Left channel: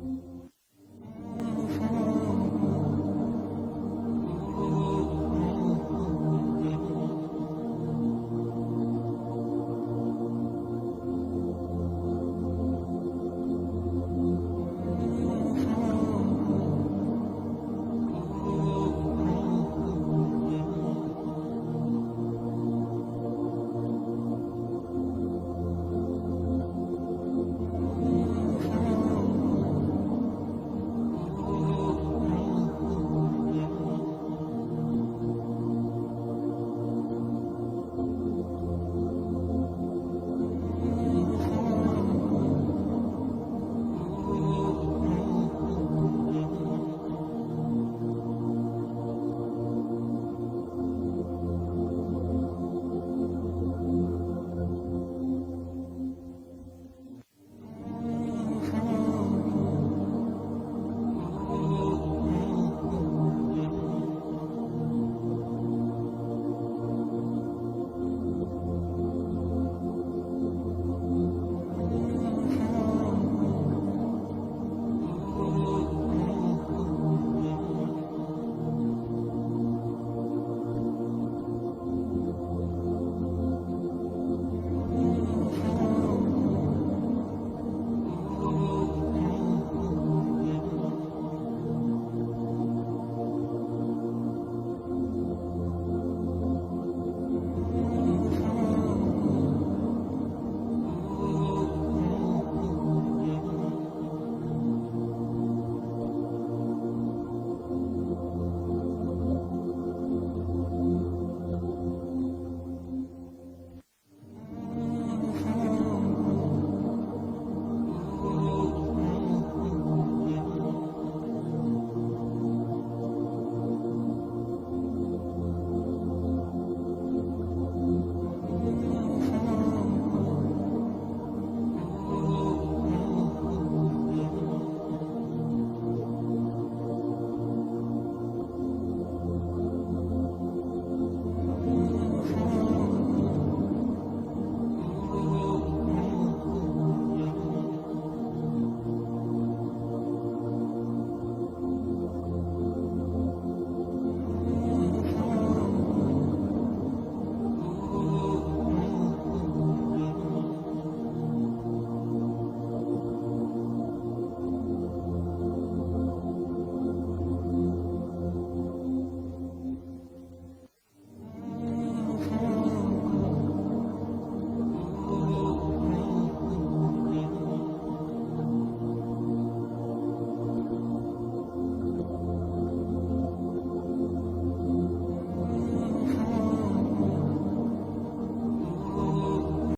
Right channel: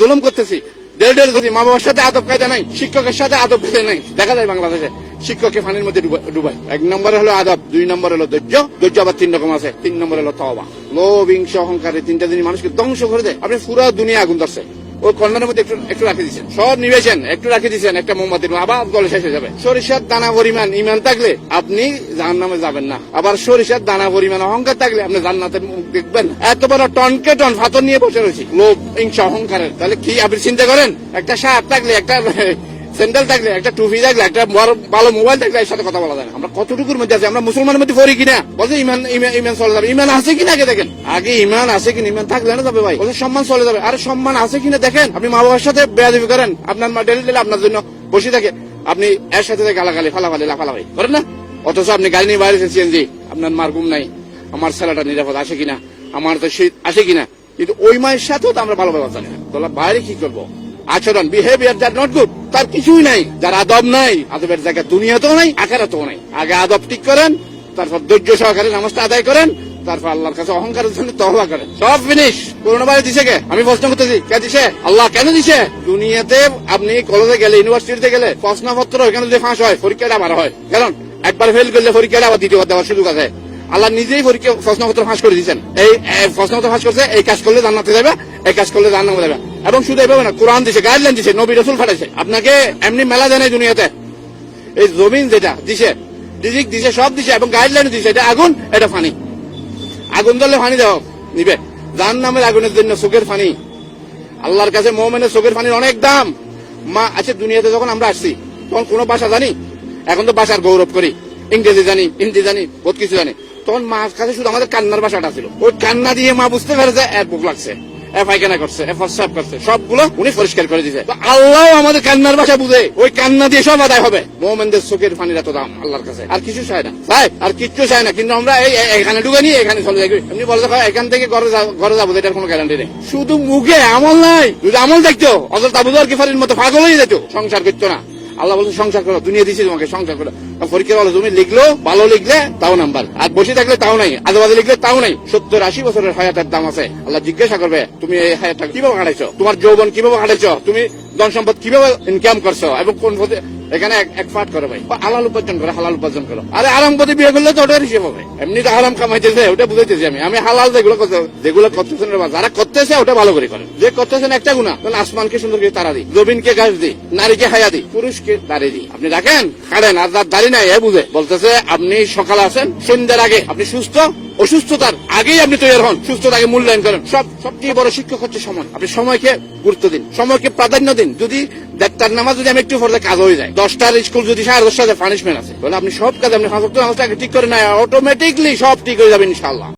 জুলুম করতেছি, মা বাবার সাথে আদব কায়দা নাই, শিক্ষকের সাথে আদব কায়দা নাই। দেখা যায় বাংলাদেশে শিক্ষককে পানির মধ্যে ডুবায়। 1 নম্বরে হলো আদব, 2 নম্বরে হলো ধৈর্য। ধৈর্য আবার 3 রকম আছে। 3 নম্বরে হলো তওবা। লোভ, হিংসা, অহংকার, এই 3টা জিনিস মানুষকে ধ্বংস করে দেয়। আপনি পুরো দুনিয়া আগুন ধরছে, ওই কর্নারের মধ্যে একটু রাখে দিচ্ছেন, সব নিবেছেন, একটু রাখে দিচ্ছেন একটা মোমবাতির, আবার গলে শেষ হয়ে যাবে। সরিষার দানা পরিমাণ ইমান থাকলে আপনি জাহান্নামে যাবেন না। আবার সরিষার দানা পরিমাণ অহংকার থাকলে আপনি জান্নাতের মুখ দেখবেন। এত বড় টনকে টন ফাতর নিয়ে বসে রয়েছি লোভ, হিংসা, অহংকারের। তাহলে কি আপনি চিন্তা করেন, একটা শার্ট থাকলে, একটা স্যান্ডেল থাকলে, একটা টুপি থাকলে, একটা ভালো মোবাইল থাকলে এর সাথে কথা বলা যায় না। আমরা কতটুকুর মধ্যে আছি? আমরা মুসলমানের মধ্যে পড়ি কিনা? বলছে ইমান ইমান চলে যাবে। ইমান আছে কিনা আগে দেখেন, আগে ইমান আছে কিনা। ইমান থাকলে না যাবে ভাই। বলছে সম্মান চলে যাবে। আরে সম্মান আছে কিনা দেখেন। আপনি মা বাবার সাথে বেয়াদবি করেন, আপনার মা ডেলি ডেলি আপনার জন্য বসে থাকে, আপনি এর সাথে গালাগালি ফালাফালি লাফালাফি করেন না। অথচ আপনি গাড়ি নিয়ে বাইরে সিএনজি, আপনার মার ঘুম নাই, আমার ছেলেটা নিরাপদ আসে কিনা, আমার তো শীত আসে কিনা। কিন্তু ওই মায়ের সাথেও তো আমরা ভালো ব্যবস্থা নেই। তোলা বাইরে কি করবো? আচরণ, বিহেভিয়ার দ্যাট নট গুড, তার কিছুই নাই। যার আদব নাই, আদবের জায়গা দুনিয়াতেও নাই, আখেরাতেও নাই। আগে আদব ঠিক করেন, তারপর ধৈর্য সহকারে নামাজটা আদায় করেন, তারপর আল্লাহর কাছে অহংকারের জন্য তওবা করেন। সব ফিনিশ। করোনাভাইরাস দিছে কে? আমি প্রশ্ন করতেছি, কে দিছে? আল্লাহ কেন দিছে? দুনিয়াতে আপনি কলেজে গেলে, ইউনিভার্সিটিতে গেলে প্রশ্নপত্র এখানে যদি ফাঁস হয়, পরীক্ষাটা আবার হয়। কারণ একবার ফেল করলে পরীক্ষাটা আবার দ্বিতীয়বার দেওয়ার সুযোগ আছে। আল্লাহ নিজেই পরীক্ষা প্রশ্নপত্র ফাঁস করে দিচ্ছেন। এই প্রশ্নপত্র ফাঁস করছে, এই কাজ করলে জান্নাতে যাবে, এই কাজ করলে জাহান্নামে যাবে। এবং শুধু এইভাবে না, কোরআন দিছে, গাইডলাইন দিছে, নবী রাসূল পাঠাইছে। আপনাকে এমনি মেলা দেয় না দুনিয়াতে। এই জমিন যেটা দিছে, রিজিক দিছে, সব দিছে, এবং গাইডলাইন দিছে। এটা আগুন, এটা পানি। আগুন ধরলে পানি দাও নিবে। জাহান্নামের আগুনের জন্য চোখের পানি। আল্লাহর কাছে মুমিনের চোখের পানির অনেক দাম। মা আছে দুনিয়াতে যখন আমরা আসছি, তখন কোন ভাষা জানি? এখন তো ভাষার গৌরব করি, ইংরেজি জানি, হিন্দি জানি, বহুত কিছু জানি। তখন মার কাছে শুধু আমাদের কান্নার ভাষাটা ছিল। ওই কান্না দিয়ে মা বুঝতে পারে যে এর বুক লাগছে, এ পায়খানা করছে, এ প্রস্রাব করছে, সবগুলো উনি পরিষ্কার করে দিয়েছে। আল্লাহ আমাদের কান্নার ভাষা বুঝে, ওই কান্না দিয়ে সব আদায় হবে। মোমেনদের চোখের পানির এত দাম আল্লাহর কাছে। আর কিছু চায় না, চায় আর কিচ্ছু চায় না। কিন্তু আমরা এখানে ঢুকে নিয়ে এখানে চলে যাই। এমনি বলে এখান থেকে ঘরে যাবো, এটার কোনো গ্যারান্টি নেই। শুধু মুখে আমল নাই। যদি আমল দেখতো, অথচ আবু যর গিফারির মতো পাগল হয়ে যেত, সংসার করতো না। আল্লাহ বলছে সংসার করো, দুনিয়া দিচ্ছি তোমাকে, সংসার করো। পরীক্ষা বলো, তুমি লিখলো, ভালো লিখলে তাও নাম্বার, আর বসে থাকলে তাও নাই, আজেবাজে লিখলে তাও নাই। 70-80 বছরের হায়াতের দাম আছে। আল্লাহ জিজ্ঞাসা করবে, তুমি এই হায়াতটা কিভাবে কাটাইছো, তোমার যৌবন কিভাবে কাটাইছো, তুমি ধন সম্পদ কিভাবে ইনকাম করছো, এবং কোন পথে। এখানে এক পাঠ করো ভাই, হালাল উপার্জন করো, হালাল উপার্জন করো। আরে আরাম পথে বিয়ে করলে তো ওটার হিসেব হবে। এমনি তো হারাম কামাইতেছে, ওটা বুঝাইতেছি আমি হালাল যেগুলো করতেছেন, যারা করতেছে ওটা ভালো করে করেন। যে করতেছেন একটা গুণা, তাহলে আসমানকে সুন্দর করে তারা দিই, জমিনকে গাছ দিই, নারীকে হায়া দিই, পুরুষকে দাঁড়িয়ে দিই। আপনি রাখেন, কাটেন, আর যার দাড়ি নাই এ বুঝে বলতেছে আপনি সকালে আসেন, সন্ধ্যার আগে আপনি সুস্থ, অসুস্থতার আগেই আপনি তৈরি হন, সুস্থতাকে মূল্যায়ন করেন। সবচেয়ে বড় শিক্ষক হচ্ছে সময়। আপনি সময়কে গুরুত্ব দিন, সময়কে প্রাধান্য দিন। যদি 1টার নামাজ যদি আমি একটু পড়লে কাজ হয়ে যায়, 10টার স্কুল যদি 10:30 পানিশমেন্ট আছে, তাহলে আপনি সব কাজ, আপনি 5 ওয়াক্ত নামাজটাকে ঠিক করে নেয়, অটোমেটিকলি সব ঠিক হয়ে যাবে ইনশাআল্লাহ।